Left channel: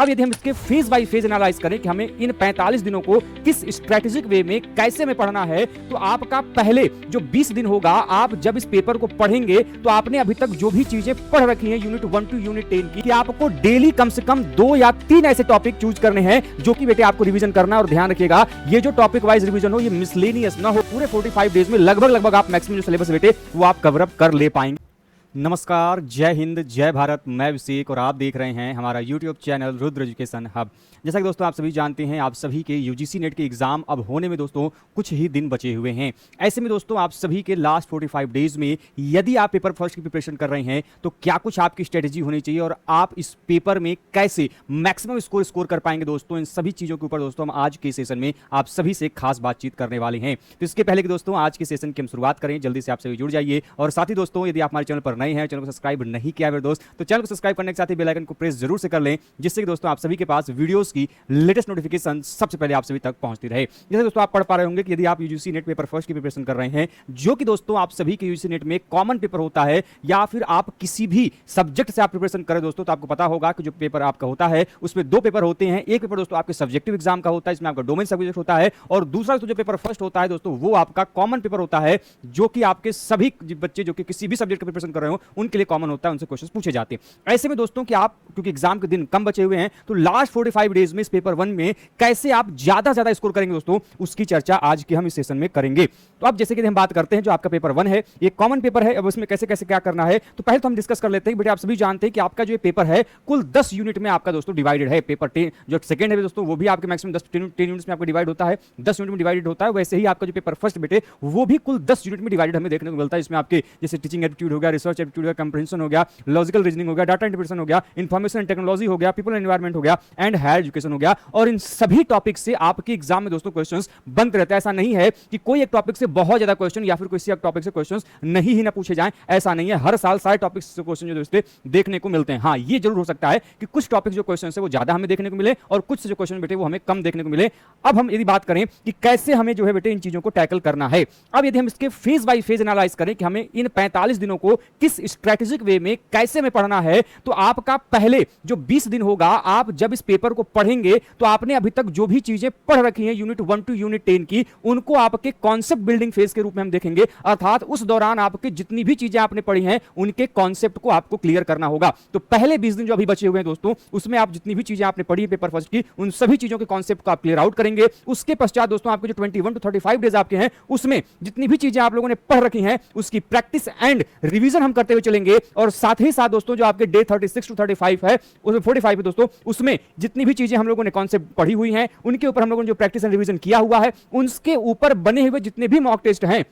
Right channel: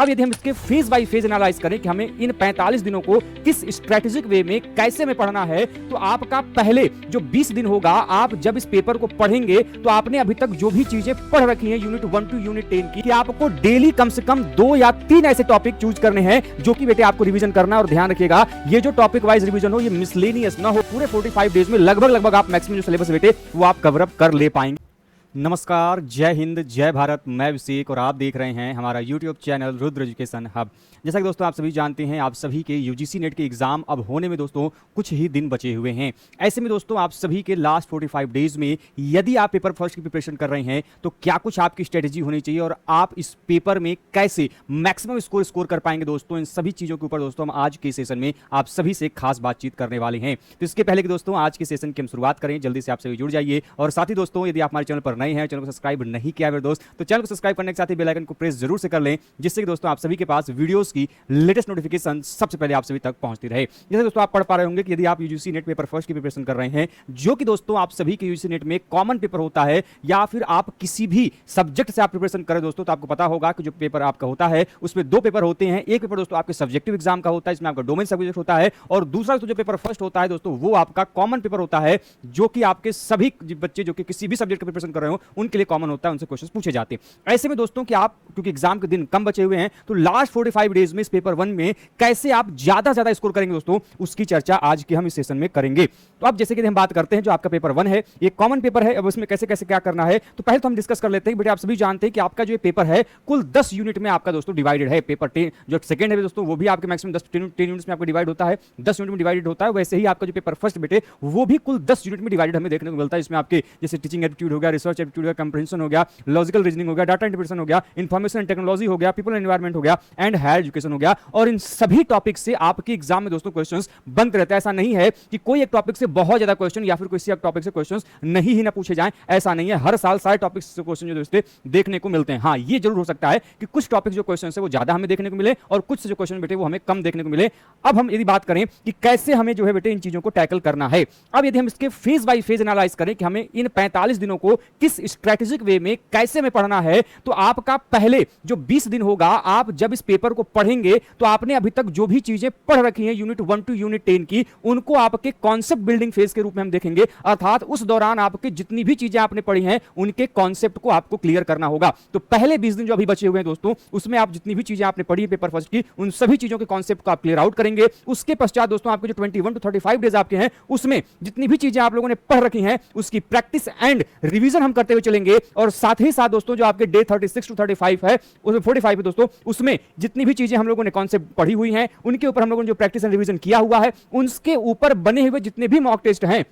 अब यदि हम इसके फेज बाय फेज एनालाइज करें कि हमें इन 45 दिनों को किस स्ट्रेटेजिक वे में कैसे में पढ़ना है, तो आपका पहले जो 20 दिन होगा, आप जब इस पेपर को पढ़ेंगे तो आपने अभी तक जो भी चीजें पढ़ रखी हैं यूनिट 1 टू यूनिट 10 की, कि आपको डेली कम से कम 2 या 3 ऐसे टॉपिक चूज करने हैं जो कि बेटे आपको रिवीजन करना है। और ध्यान रखिएगा, ये जो टॉपिक वाइज रिवीजन हो, ये मिसलेनियस ना हो। पूरे 45 डेज में लगभग आप मैक्सिमम जो सिलेबस बेटे वो आप कवर अप कर ले पाएंगे। नमस्कार, जय हिंद, जय भारत। मैं अभिषेक और आप देख रहे हैं हमारा YouTube channel Rudra education hub. जैसा कि दोस्तों आप सभी जानते हैं, आप सभी के यूजीसी नेट के एग्जाम अब होने में दोस्तों कुछ ही दिन बचे हुए हैं। ऐसे में दोस्तों आप सभी के लास्ट 45 डेज में यदि आप पेपर फर्स्ट की प्रिपरेशन कर रहे हैं तो क्या कुछ आपकी स्ट्रेटेजी होनी चाहिए और आप इस पेपर में कैसे मैक्सिमम स्कोर कर पाएंगे दोस्तों, इन सभी चीजों के ऊपर दोस्तों हम आज के सेशन में आप सभी से खास बातचीत करने वाले हैं। तो इसके पहले कि दोस्तों आज के सेशन की हम शुरुआत करें, जल्दी से आप सभी जुड़ जाइए। और साथ ही दोस्तों यदि आप हमारे चैनल पर नए हैं, चैनल को सब्सक्राइब नहीं किया मेरे दोस्त, तो चैनल को सब्सक्राइब करने के साथ ही बेल आइकन को प्रेस जरूर से कर लें, जिससे कि दोस्तों आप सभी के पास वीडियोस की लेटेस्ट नोटिफिकेशन सबसे पहले आप सभी तक पहुंचती रहे। जैसे दोस्तों आप पढ़ पा रहे होंगे कि यदि आप यूजीसी नेट पेपर फर्स्ट की प्रिपरेशन कर रहे हैं, जो कि दोस्तों आप सभी के यूजीसी नेट में कॉमन पेपर होता है, या फिर आप किसी भी सब्जेक्ट से आप प्रिपरेशन करें दोस्तों, तो आपको पता होगा कि जो पेपर आपका होता है उसमें 2 पेपर होते हैं। एक पेपर दोस्तों आपके सब्जेक्टिव एग्जाम का होता है, इसमें आपका डोमेन सब्जेक्ट होता है, और दूसरा जो पेपर फर्स्ट होता है दोस्तों वो आपका कॉमन पेपर होता है, जो कि आपके सभी बच्चे जो कि किसी भी सब्जेक्ट का प्रिपरेशन कर रहे हो उनके लिए कॉमन होता है, उनसे क्वेश्चन पूछे जाते हैं। ऐसे में दोस्तों कि आप क्योंकि एग्जाम के दिन कम बचे हुए हैं, तो लास्ट 45 डेज में इस पेपर 1 में कैसे आप ज्यादा स्कोर करेंगे दोस्तों, उसकी चर्चा आज के हम इस सेशन में करेंगे। तो अब जैसे कि हम बात करते हैं, जो आपका पेपर 1 है ये कॉमन पेपर है, अब उसमें कैसे कैसे क्या करना है, तो पहले तो हम डिस्कस कर लेते हैं। बेटा आप सभी जानते हैं कि आपका जो पेपर है कुल 10 यूनिट में आपका दोस्तों डिवाइडेड है। पेपर 10 जो सेकंड है दोस्तों वो भी आपके मैक्सिमम 10 यूनिट्स में आपका डिवाइड होता है, 10 यूनिट में डिवाइडेड होता है। वैसे ही आपका जो पेपर फर्स्ट बेटे वो भी कुल 10 यूनिट में डिवाइडेड हमें देखने को मिलता है। इसमें आपकी जैसे टीचिंग एप्टीट्यूड हो गया, रिसर्च एप्टीट्यूड हो गया, कंप्रीहेंशन हो गया, लॉजिकल रीजनिंग हो गया, डाटा इंटरप्रिटेशन हो गया, इंफॉर्मेशन टेक्नोलॉजी हो गया, पीपल एनवायरनमेंट हो गया, एंड हायर एजुकेशन हो गया। और इन सभी टॉपिक से आपके एग्जाम में दोस्तों क्वेश्चंस बनते रहते हैं। ऐसा नहीं है कि कोई एक टॉपिक से बहुत ज्यादा क्वेश्चन या फिर किसी एक टॉपिक से क्वेश्चंस नहीं ही ना पूछे जाएं, ऐसा नहीं है। हर साल सारे टॉपिक से क्वेश्चन जो दोस्तों देखने को मिलते हैं। हाँ, ये जरूर हो सकता है कि कुछ टॉपिक जो क्वेश्चन है वो ज्यादा हमें देखने को मिले और कुछ जो क्वेश्चन बेटे वो हमें कम देखने को मिले। अब हम यदि बात करें कि कैसे हमें जो है बेटे इन चीजों को टैकल करना है, अब यदि हम इसके फेज बाय फेज एनालाइज करें कि हमें इन 45 दिनों को किस स्ट्रेटेजिक वे में कैसे में पढ़ना है, तो आपका पहले जो 20 दिन होगा, आप जब इस पेपर को पढ़ेंगे तो आपने अभी तक जो भी चीजें पढ़ रखी हैं यूनिट 1 टू यूनिट 10 की, उनको आपके कॉन्सेप्ट बिल्डिंग फेज के रूप में हम देखेंगे। अर्थात उस दौरान आपके जितनी भी चीजें आपने पढ़ी हैं उनके कॉन्सेप्ट को आपको क्लियर करना होगा। तो पहले 20 दिन जो अभी बचे हुए हैं दोस्तों, उसमें आप जितनी भी चीजें आपने पढ़ी पेपर फर्स्ट की, उन सभी चीजों के कॉन्सेप्ट को आप क्लियर आउट करेंगे। उसके पश्चात दोस्तों आपके जो 21 टू 35 डेज आपके हैं, उसमें जितनी भी चीजें आप लोगों ने पढ़ रखी हैं उसकी प्रैक्टिस एंड रिवीजन हम करते हुए चलेंगे। और साथ ही साथ दोस्तों जो आपके डे 36 टू 35 है, उसमें 45 है दोस्तों, उसमें जितनी भी चीजें हम लोगों ने कॉन्सेप्ट पढ़ी हुई हैं उनके ऊपर हम लोगों ने जो प्रैक्टिस एंड रिवीजन किया हुआ है, उनके ऊपर बने हुए जितने भी मॉक टेस्ट हैं,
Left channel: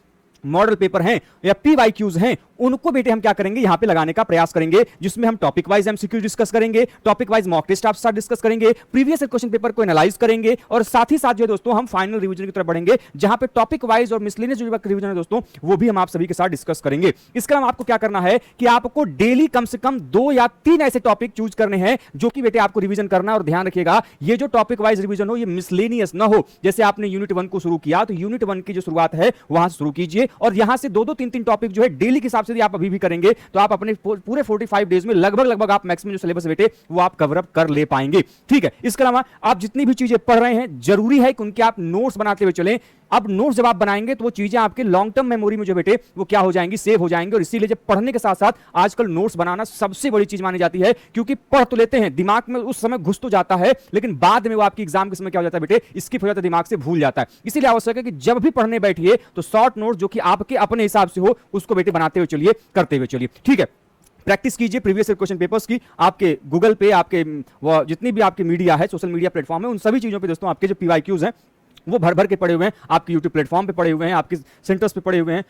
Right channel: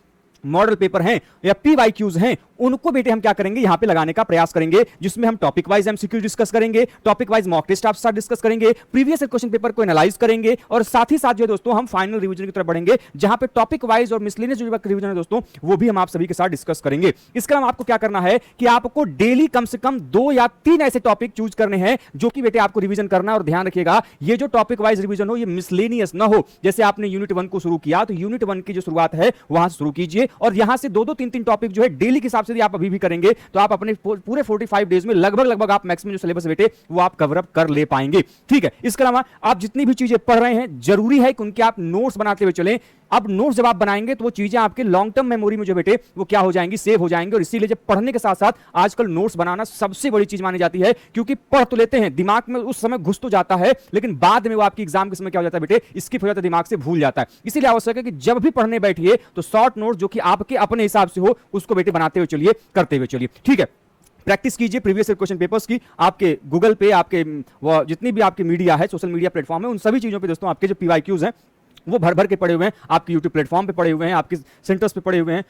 मॉडल पेपर हैं या पीवाईक्यूज हैं, उनको बेटे हम क्या करेंगे यहां पे लगाने का प्रयास करेंगे, जिसमें हम टॉपिक वाइज एमसीक्यू डिस्कस करेंगे, टॉपिक वाइज मॉक टेस्ट आप साथ डिस्कस करेंगे, प्रीवियस क्वेश्चन पेपर को एनालाइज करेंगे, और साथ ही साथ जो दोस्तों हम फाइनल रिवीजन की तरफ बढ़ेंगे, जहां पे टॉपिक वाइज और मिसलेनियस जो रिवीजन है दोस्तों वो भी हम आप सभी के साथ डिस्कस करेंगे। इसके अलावा आपको क्या करना है कि आपको डेली कम से कम 2 या 3 ऐसे टॉपिक चूज करने हैं जो कि बेटे आपको रिवीजन करना है। और ध्यान रखिएगा, ये जो टॉपिक वाइज रिवीजन हो ये मिसलेनियस ना हो। जैसे आपने यूनिट 1 को शुरू किया तो यूनिट 1 की जो शुरुआत है वहां से शुरू कीजिए, और यहां से 2-2, 3-3 टॉपिक जो है डेली के हिसाब से आप अभी भी करेंगे तो आप अपने पूरे 45 डेज में लगभग आप मैक्सिमम जो सिलेबस बेटे वो आप कवर अप कर ले पाएंगे। ठीक है, इसके अलावा आप जितनी भी चीजें पढ़ रहे हैं जरूरी है कि उनके आप नोट्स बनाते हुए चलें। अब नोट्स जब आप बनाएंगे तो वो चीजें आपके लॉन्ग टर्म मेमोरी में जो बेटे वो क्या हो जाएंगी, सेव हो जाएंगे। और इसीलिए जब पढ़ने के साथ साथ आजकल नोट्स बनाना सबसे बड़ी चीज मानी जाती है, क्योंकि पढ़ तो लेते हैं, दिमाग में उस समय घुस तो जाता है, लेकिन बाद में वो आपकी एग्जाम के समय क्या हो जाता है बेटे, स्किप हो जाता है, दिमाग से भूल जाता है। इसीलिए आवश्यक है कि जब भी पढ़ने बैठिए तो शॉर्ट नोट जो कि आपके अपने हिसाब से हो उसको बेटे बनाते हुए चलिए, करते हुए चलिए। ठीक है, प्रैक्टिस कीजिए प्रीवियस क्वेश्चन पेपर्स की। आपके गूगल पे, आपके जितनी भी आपकी मीडिया है, सोशल मीडिया प्लेटफॉर्म है, उन सभी चीजों पे दोस्तों आपके जो पीवाईक्यूज हैं वो भर भर के पड़े हुए हैं, आपके यूट्यूब प्लेटफॉर्म पे पड़े हुए हैं, आपके सेंटर्स पे पड़े हुए हैं,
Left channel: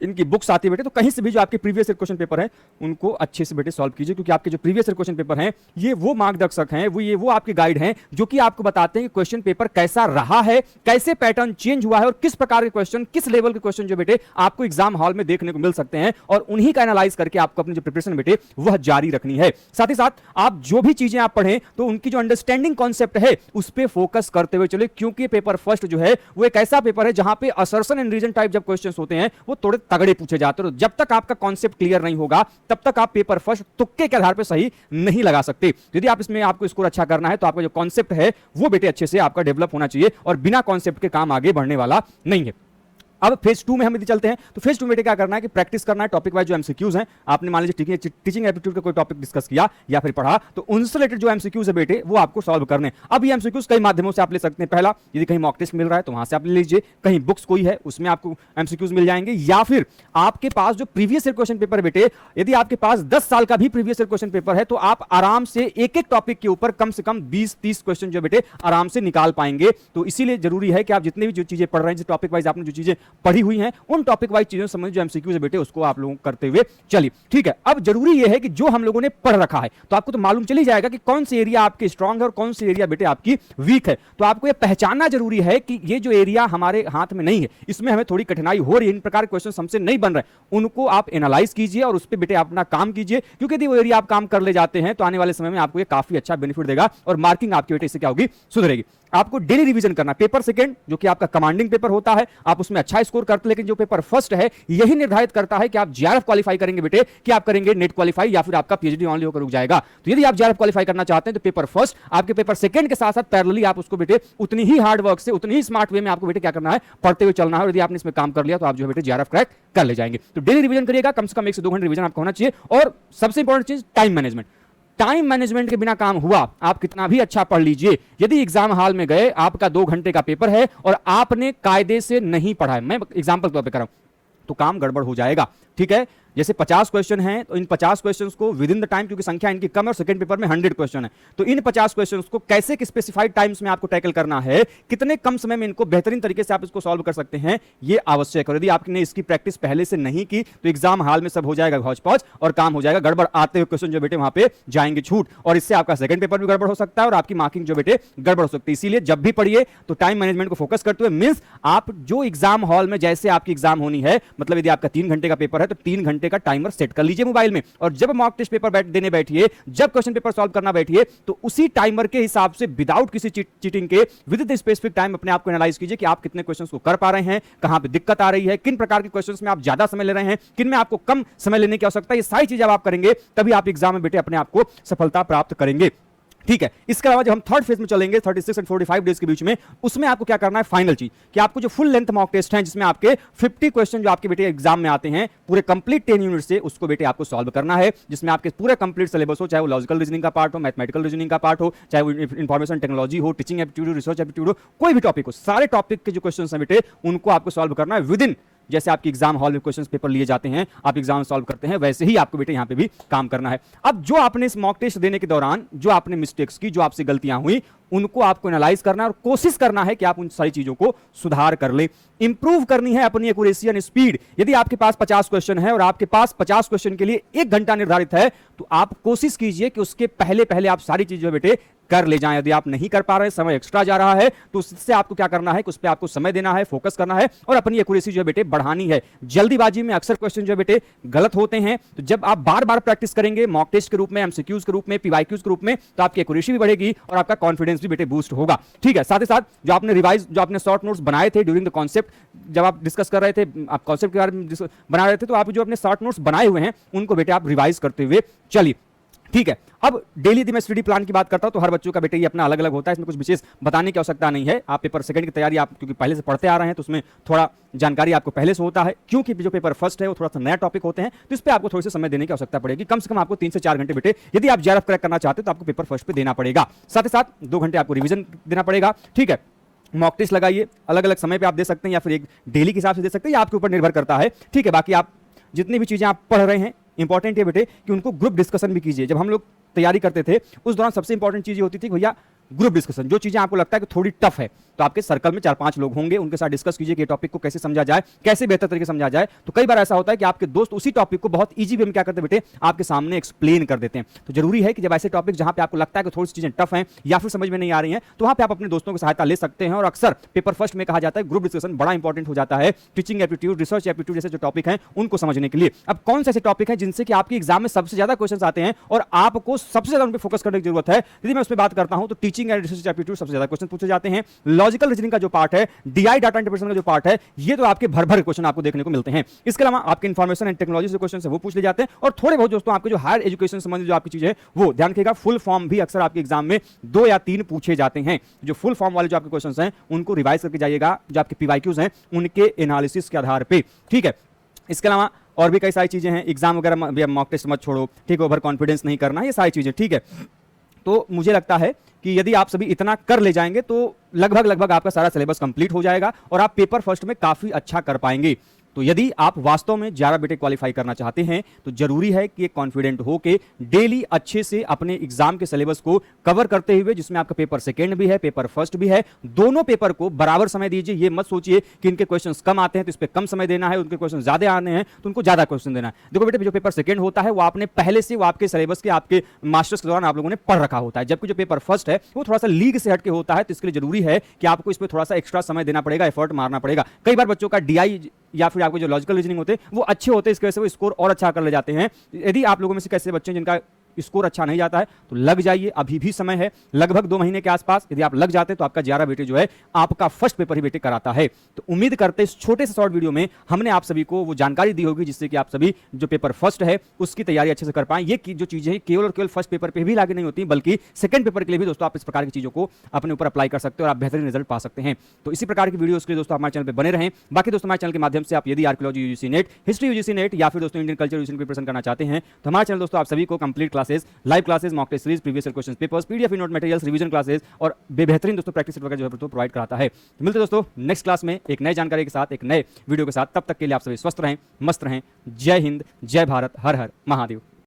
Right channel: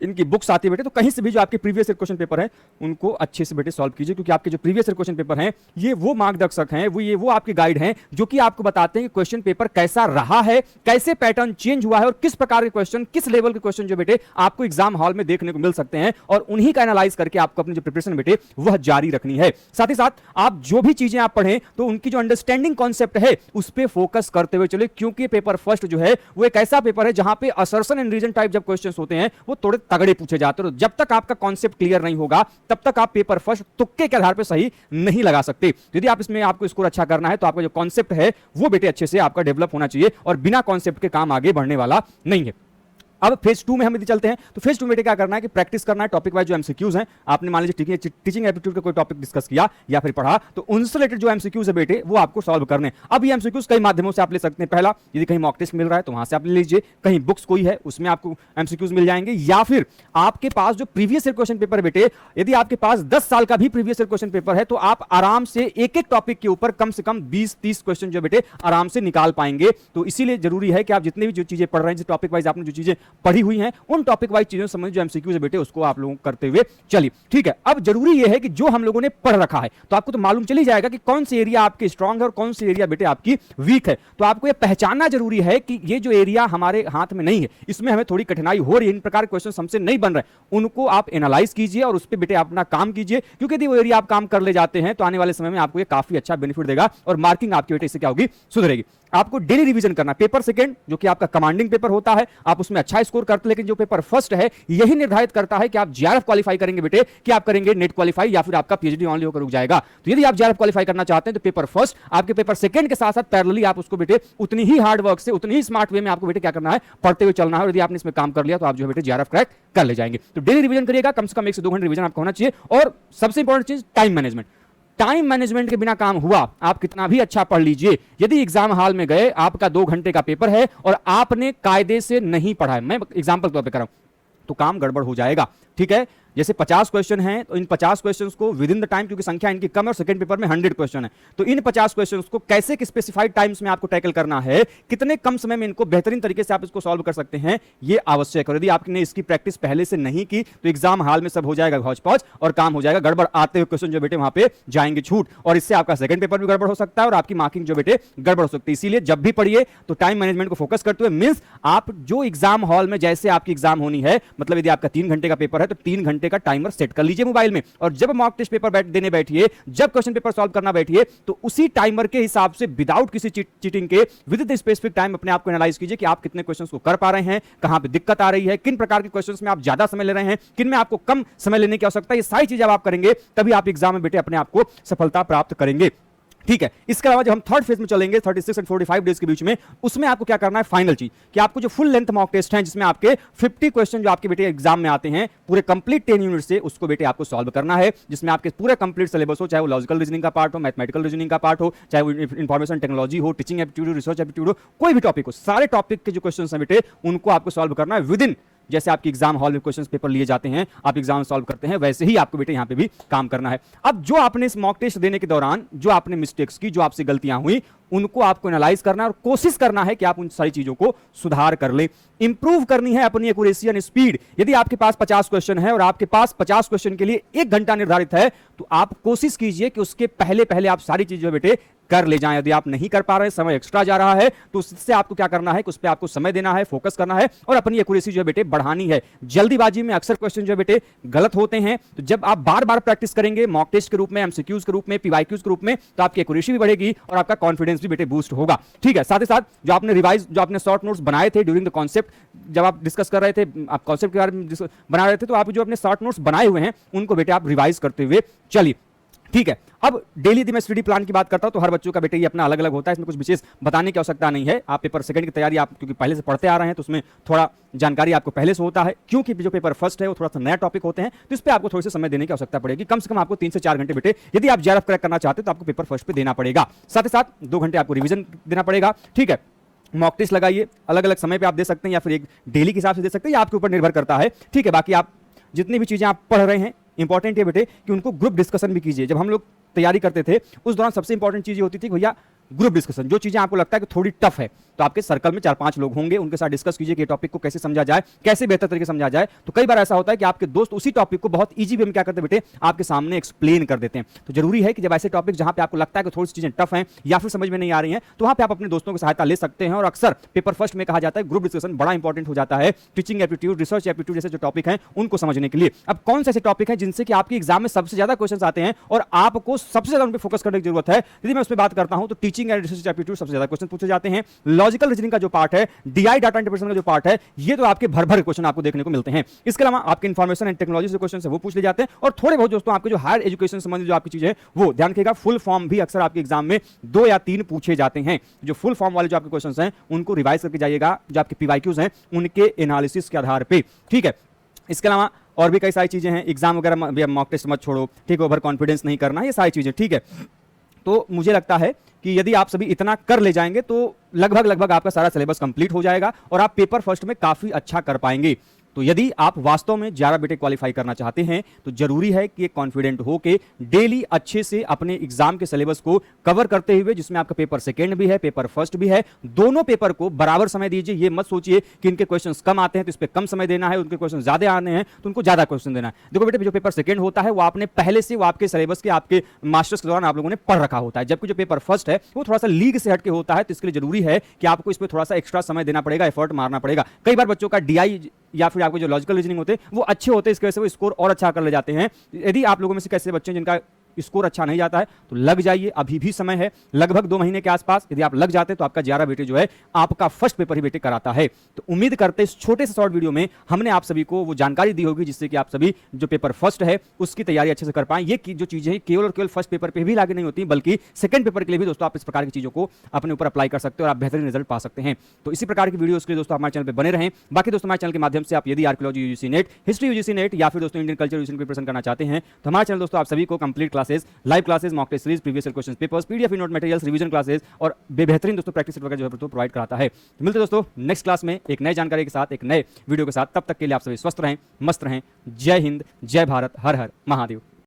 इनकी बुक्स आती है बेटे। तो कहीं से भी जो आपके प्रीवियस ईयर क्वेश्चन पेपर हैं उनको अच्छे से बेटे सॉल्व कीजिए, क्योंकि आपके जो प्रीवियस ईयर क्वेश्चन पेपर हैं ये वो मार्गदर्शक हैं, वो आपके गाइड हैं जो कि आपको बताते हैं कि क्वेश्चन पेपर कैसा रहा है, कैसे पैटर्न चेंज हुआ है और किस प्रकार के क्वेश्चन, किस लेवल के क्वेश्चन जो बेटे आपको एग्जाम हॉल में देखने को मिल सकते हैं, और उन्हीं का एनालाइज करके आपको अपनी जो प्रिपरेशन बेटे वह जारी रखनी है। साथ ही साथ आप जो भी चीजें आप पढ़ें तो उनकी जो अंडरस्टैंडिंग कॉन्सेप्ट है उस पर फोकस करते हुए चले, क्योंकि पेपर फर्स्ट जो है वो एक ऐसा पेपर है जहां पे असर्शन एंड रीजन टाइप जब क्वेश्चंस होते हैं वो थोड़े तगड़े पूछे जाते हैं। तो जब तक आपका कॉन्सेप्ट क्लियर नहीं होगा तब तक आप पेपर फर्स्ट तुक्के के आधार पर सही नहीं लगा सकते। यदि आप इसमें आपको स्कोर अच्छा करना है तो आपका जो कॉन्सेप्ट है वो बेटे अच्छे से आपका डेवलप होना चाहिए और बिना कॉन्सेप्ट के काम आगे बढ़ने वाला नहीं है। अब फेज 2 में हम यदि चलते हैं तो फेज 2 में क्या करना है कि प्रैक्टिस करना है टॉपिक वाइज जो एमसीक्यूज हैं। आपने मान लीजिए टीचिंग एप्टीट्यूड का कोई टॉपिक डिस्कस किया या फिर पढ़ा तो उनसे रिलेटेड जो एमसीक्यूज है बेटे वो आपको सॉल्व करने। अब ये एमसीक्यूज कई माध्यमों से आप ले सकते हैं। पहला, यदि कहीं मॉक टेस्ट मिल रहा है तो वहां से आप ले लीजिए, कहीं बुक्स कोई है उसमें आपको एमसीक्यूज मिल जाएंगे, या फिर आपके पास जो प्रीवियस ईयर क्वेश्चन पेपर है बेटे, यदि आपके पास 10 साल का भी प्रीवियस ईयर क्वेश्चन पेपर है तो आप आराम से एक एक टॉपिक के ऊपर कम से कम 20-30 क्वेश्चन जो बेटे आराम से निकाल पाएंगे। तो इसीलिए जरूरी है कि आप जितनी भी जो चीजें पढ़ रहे हैं, टॉपिक वाइज आपने जो चीजें पढ़ी हुई हैं उन टॉपिक वाइज चीजों से संबंधित जो एमसीक्यूज है बेटे उसको आप लोगों करते हुए चलिए। ठीक है, अब जरूरी यह है कि जो हम लोगों ने पढ़ रखा है तो आपको तो मालूम चली जाएगा कि कौन सी एरिया आपकी स्ट्रांग है और कौन सी एरिया बेटे आपकी वीक है। तो आपको यह पहचानना जरूरी है कि ये जो एरिया हमारे हाथ में नहीं है, इसमें हमें थोड़ी कठिनाई हो रही है, इन प्रकार के क्वेश्चन हमसे नहीं बन रहे, उनको आप एनालाइज कीजिए और उस पर बेटे अपना काम कीजिए। क्योंकि यदि वो एरिया आप काम कर ले जाते हैं तो आने वाले समय में आपको ये काफी अच्छा बेनिफिट देगा और मार्किंग आपकी बेटे इससे क्या होगी, सुधरेगी। आपको डेली रिवीजन करना। पेपर सेकंड जो कि आपका कमांडिंग पेपर होता है, आप उसमें अच्छा स्कोर करते, लेकिन जो पेपर फर्स्ट है यही निर्धारित करता है कि आप जेआरएफ क्वालीफाई करेंगे बेटे, कि आप करेंगे नेट क्वालीफाई या फिर आपका पीएचडी ऑनली होकर रुक जाएगा। तो यदि आप जेआरएफ क्वालीफाई करना चाहते हैं तो पेपर फर्स्ट आपके पेपर सेकंड के साथ साथ पैरेलली आप उसको बेटे उतनी ही हार्ड वर्क से, उतनी ही स्मार्ट वे में आपको बेटे क्या करना है, पढ़ते हुए चलना है। और यदि आपने इसमें काम कर लिया तो आप जो बेटे जेआरएफ क्रैक कर ले जाएंगे। तो डेली रिवीजन करिएगा, कम से कम 1 से 2 घंटे रिवीजन आपको होना चाहिए। और सबसे इंपॉर्टेंट चीज टाइम मैनेजमेंट। टाइम मैनेजमेंट के बिना काम हुआ, आप कितना भी अच्छा पढ़ लीजिए, यदि एग्जाम हॉल में गए, आपका 2 घंटे का पेपर है और आपने कायदे से नहीं पढ़ा है, मैं एग्जांपल तौर पे कर रहा हूं, तो काम गड़बड़ हो जाएगा। ठीक है, जैसे 50 क्वेश्चन है तो इन 50 क्वेश्चंस को विद इन द टाइम, क्योंकि संख्या इनकी कम है और सेकंड पेपर में 100 क्वेश्चन है, तो इन 50 क्वेश्चंस को कैसे स्पेसिफाइड टाइम्स में आपको टैकल करना है, कितने कम समय में इनको बेहतरीन तरीके से आप इसको सॉल्व कर सकते हैं, ये आवश्यक है। यदि आपने इसकी प्रैक्टिस पहले से नहीं की तो एग्जाम हॉल में सब हो जाएगा हौच पौच और काम हो जाएगा गड़बड़, आते हुए क्वेश्चन जो बेटे वहां पे जाएंगे छूट, और इससे आपका सेकंड पेपर भी गड़बड़ हो सकता है और आपकी मार्किंग जो बेटे गड़बड़ हो सकती है। इसीलिए जब भी पढ़िए तो टाइम मैनेजमेंट को फोकस करते हुए, मींस आप जो एग्जाम हॉल में जैसे आपकी एग्जाम होनी है, मतलब यदि आपका 3 घंटे का पेपर है तो 3 घंटे का टाइमर सेट कर लीजिए मोबाइल में, और जब मॉक टेस्ट पेपर देने बैठिए, जब क्वेश्चन पेपर सॉल्व करना बैठिए, तो उसी टाइमर के हिसाब से विदाउट किसी चीटिंग के विद द स्पेसिफिक टाइम अपने आप को एनालाइज कीजिए कि आप कितने क्वेश्चंस को कर पा रहे हैं, कहां पे दिक्कत आ रही है, किन प्रकार के क्वेश्चंस में आप ज्यादा समय ले रहे हैं, किन में आपको कम समय लेने की आवश्यकता है। ये सारी चीजें आप करेंगे तभी आप एग्जाम में बेटे अपने आप को सफलता प्राप्त करेंगे। ठीक है, इसके अलावा जब हम थर्ड फेज में चलेंगे 36 और 45 डेज के बीच में, उसमें आपको क्या करना है, फाइनल चीज कि आपको जो फुल लेंथ मॉक टेस्ट है जिसमें आपके 50 क्वेश्चन जो आपके बेटे एग्जाम में आते हैं पूरे कंप्लीट 10 यूनिट से, उसको बेटे आपको सॉल्व करना है, जिसमें आपके पूरे कंप्लीट सिलेबस हो, चाहे वो लॉजिकल रीजनिंग का पार्ट हो, मैथमेटिकल रीजनिंग का पार्ट हो, चाहे वो इंफॉर्मेशन टेक्नोलॉजी हो, टीचिंग एप्टीट्यूड, रिसर्च एप्टीट्यूड हो, कोई भी टॉपिक हो, सारे टॉपिक के जो क्वेश्चन है बेटे उनको आपको सॉल्व करना है विद इन, जैसे आपके एग्जाम हॉल में क्वेश्चंस पेपर लिए जाते हैं, आप एग्जाम सॉल्व करते हैं, वैसे ही आपको बेटे यहाँ पे भी काम करना है। अब जो आपने इस मॉक टेस्ट देने के दौरान जो आपने मिस्टेक्स की, जो आपसे गलतियां हुई, उनको आपको एनालाइज करना और कोशिश करना है कि आप उन सारी चीजों को सुधार कर लें। इंप्रूव करनी है अपनी एक्यूरेसी एंड स्पीड। यदि आपके पास 50 क्वेश्चन है और आपके पास 50 क्वेश्चन के लिए 1 घंटा निर्धारित है, तो आप कोशिश कीजिए कि उसके पहले पहले आप सारी चीजें बेटे कर ले जाएं। यदि आप नहीं कर पा रहे, समय एक्स्ट्रा जा रहा है, तो उससे आपको क्या करना है, उस पर आपको समय देना है, फोकस करना है और अपनी एक्यूरेसी जो बेटे बढ़ानी है। जल्दीबाजी में अक्सर क्वेश्चन जो बेटे गलत होते हैं, तो जब आप बार बार प्रैक्टिस करेंगे मॉक टेस्ट के रूप में, एमसीक्यूज के रूप में, पीवाईक्यूज के रूप में, तो आपकी एक्यूरेसी भी बढ़ेगी और आपका कॉन्फिडेंस भी बेटे बूस्ट होगा। ठीक है, साथ ही साथ जो आपने रिवाइज, जो आपने शॉर्ट नोट्स बनाए थे ड्यूरिंग द कॉन्सेप्ट, जब आप डिस्कस कर रहे थे, आप कॉन्सेप्ट के बारे में बना रहे थे, तो आप जो अपने शॉर्ट नोट्स बनाए हुए हैं उनको बेटे आप रिवाइज करते हुए चलिए। ठीक है, अब डेली यदि मैं स्टडी प्लान की बात करता हूं तो हर बच्चों का बेटे ये अपना अलग अलग होता है, इसमें कुछ विशेष बताने की आवश्यकता नहीं है। आप पेपर सेकंड की तैयारी आप क्योंकि पहले से पढ़ते आ रहे हैं तो उसमें थोड़ा जानकारी आपको पहले से होता है, क्योंकि जो पेपर फर्स्ट है वो थोड़ा सा नया टॉपिक होते हैं, तो इस पर आपको थोड़े से समय देने की आवश्यकता पड़ेगी। कम से कम आपको 3 से 4 घंटे बेटे यदि आप जेआरएफ क्रैक करना चाहते हैं तो आपको पेपर फर्स्ट पे देना पड़ेगा। साथ ही साथ 2 घंटे आपको रिविजन देना पड़ेगा। ठीक है, मॉक टेस्ट लगाइए, अलग अलग समय पे आप दे सकते हैं या फिर डेली के हिसाब से दे सकते हैं, या आपके ऊपर निर्भर करता है। ठीक है, बाकी आप जितनी भी चीजें आप पढ़ रहे हैं इंपॉर्टेंट है बेटे कि उनको ग्रुप डिस्कशन भी कीजिए। जब हम लोग तैयारी करते थे उस दौरान सबसे इंपॉर्टेंट चीज होती थी भैया ग्रुप डिस्कशन। जो चीजें आपको लगता है कि थोड़ी टफ है तो आपके सर्कल में 4-5 लोग होंगे, उनके साथ डिस्कस कीजिए कि टॉपिक को कैसे समझा जाए, कैसे बेहतर तरीके से समझा जाए। तो कई बार ऐसा होता है कि आपके दोस्त उसी टॉपिक को बहुत ईजी वे में क्या करते हैं बेटे, आपके सामने एक्सप्लेन कर देते हैं। तो जरूरी है कि जब ऐसे टॉपिक जहां पे आपको लगता है कि थोड़ी सी चीजें टफ हैं या फिर समझ में नहीं आ रही हैं, तो वहां पे आप अपने दोस्तों की सहायता ले सकते हैं। और अक्सर पेपर फर्स्ट में कहा जाता है ग्रुप डिस्कशन बड़ा इंपॉर्टेंट हो जाता है टीचिंग एप्टीट्यूड, रिसर्च एप्टीट्यूड जैसे जो टॉपिक हैं उनको समझने के लिए। अब कौन से ऐसे टॉपिक हैं जिनसे कि आपके एग्जाम में सबसे ज्यादा क्वेश्चन आते हैं और आपको सबसे ज्यादा उन पर फोकस करने की जरूरत है? यदि मैं उस पर बात करता हूं तो teaching teaching and research aptitude सबसे ज्यादा क्वेश्चन पूछे जाते हैं। लॉजिकल रीजनिंग का जो पार्ट है, डीआई डाटा इंटरप्रिटेशन का जो पार्ट है, ये तो आपके भर भर क्वेश्चन आपको देखने को मिलते हैं। इसके अलावा आपके इन्फॉर्मेशन एंड टेक्नोलॉजी जो क्वेश्चन है वो पूछ ले जाते हैं, और थोड़े बहुत दोस्तों आपके जो हायर एजुकेशन संबंधित जो आपकी चीजें हैं वो ध्यान रखिएगा, फुल फॉर्म भी अक्सर आपके एग्जाम में 2 या 3 पूछे जाते हैं। जो फुल फॉर्म वाले जो आपके क्वेश्चंस हैं उनको रिवाइज करके जाइएगा, जो आपके पीवाईक्यूज हैं उनके एनालिसिस के आधार पे, ठीक है। इसके अलावा और भी कई सारी चीजें हैं, एग्जाम वगैरह मॉक टेस्ट मत छोड़ो, ठीक है, ओवर कॉन्फिडेंस नहीं करना, ये सारी चीजें, ठीक है। तो मुझे लगता है कि यदि आप सभी इतना कर ले जाएंगे तो लगभग आपका सारा सिलेबस कंप्लीट हो जाएगा और आप पेपर फर्स्ट में काफी अच्छा कर पाएंगे। तो यदि आप वास्तव में 11 बीटेक क्वालिफाई करना चाहते हैं तो जरूरी है कि कॉन्फिडेंट हो के डेली अच्छे से अपने एग्जाम के सिलेबस को कवर करते हुए, जिसमें आपका पेपर सेकंड भी है, पेपर फर्स्ट भी है, दोनों पेपर को बराबर समय दीजिए। ये मत सोचिए कि इनके क्वेश्चंस कम आते हैं तो इस पर कम समय देना है, उनके क्वेश्चन ज्यादा आने हैं तो उनको ज्यादा क्वेश्चन देना है। देखो बेटे, जो पेपर सेकंड होता है वो आपने पहले से वो आपके सिलेबस के आपके मास्टर्स के दौरान आप लोगों ने पढ़ रखा होता है, जबकि जो पेपर फर्स्ट है वो थोड़ा सा लीड से हट के होता है। तो इसके लिए जरूरी है कि आपको इस पर थोड़ा सा एक्स्ट्रा समय देना पड़ेगा, एफर्ट मारना पड़ेगा। कई बार बच्चों का डीआई या फिर आपके जो लॉजिकल रीजनिंग होते हैं वो अच्छे होते हैं, इसकी वजह से वो स्कोर और अच्छा कर ले जाते हैं। यदि आप लोगों में से कैसे बच्चे हैं जिनका स्कोर अच्छा नहीं जाता है तो लग जाइए, अभी भी समय है, लगभग 2 महीने के आसपास यदि आप लग जाते हैं तो आपका 11 बेटे जो है आपका फर्स्ट पेपर ही बेटे कराता है। तो उम्मीद करते हैं इस छोटे से शॉर्ट वीडियो में हमने आप सभी को वो जानकारी दी होगी जिससे कि आप सभी जो पेपर फर्स्ट है उसकी तैयारी अच्छे से कर पाएं। ये जो चीजें हैं केवल और केवल फर्स्ट पेपर पे भी लागू नहीं होती, बल्कि सेकंड पेपर के लिए भी दोस्तों आप इस प्रकार की चीजों को अपने ऊपर अप्लाई कर सकते हो और आप बेहतरीन रिजल्ट पा सकते हैं। तो इसी प्रकार की वीडियो के लिए दोस्तों हमारे चैनल पर बने रहें। बाकी दोस्तों हमारे चैनल के माध्यम से आप यदि archaeology UGC net, history UGC net या फिर दोस्तों इंडियन कल्चर यूजीसी प्रिपरेशन करना चाहते हैं तो हमारे चैनल दोस्तों आप सभी को complete classes, live classes, mock test series, previous year question papers, PDF note materials, revision classes और बेहतरीन दोस्तों प्रैक्टिस करने का जो प्रोवाइड कराता है। मिलते हैं दोस्तों नेक्स्ट क्लास में एक नई जानकारी के साथ, एक नए वीडियो के साथ। तब तक के लिए आप सभी स्वस्थ रहें, मस्त रहें। जय हिंद, जय भारत, हर हर महादेव।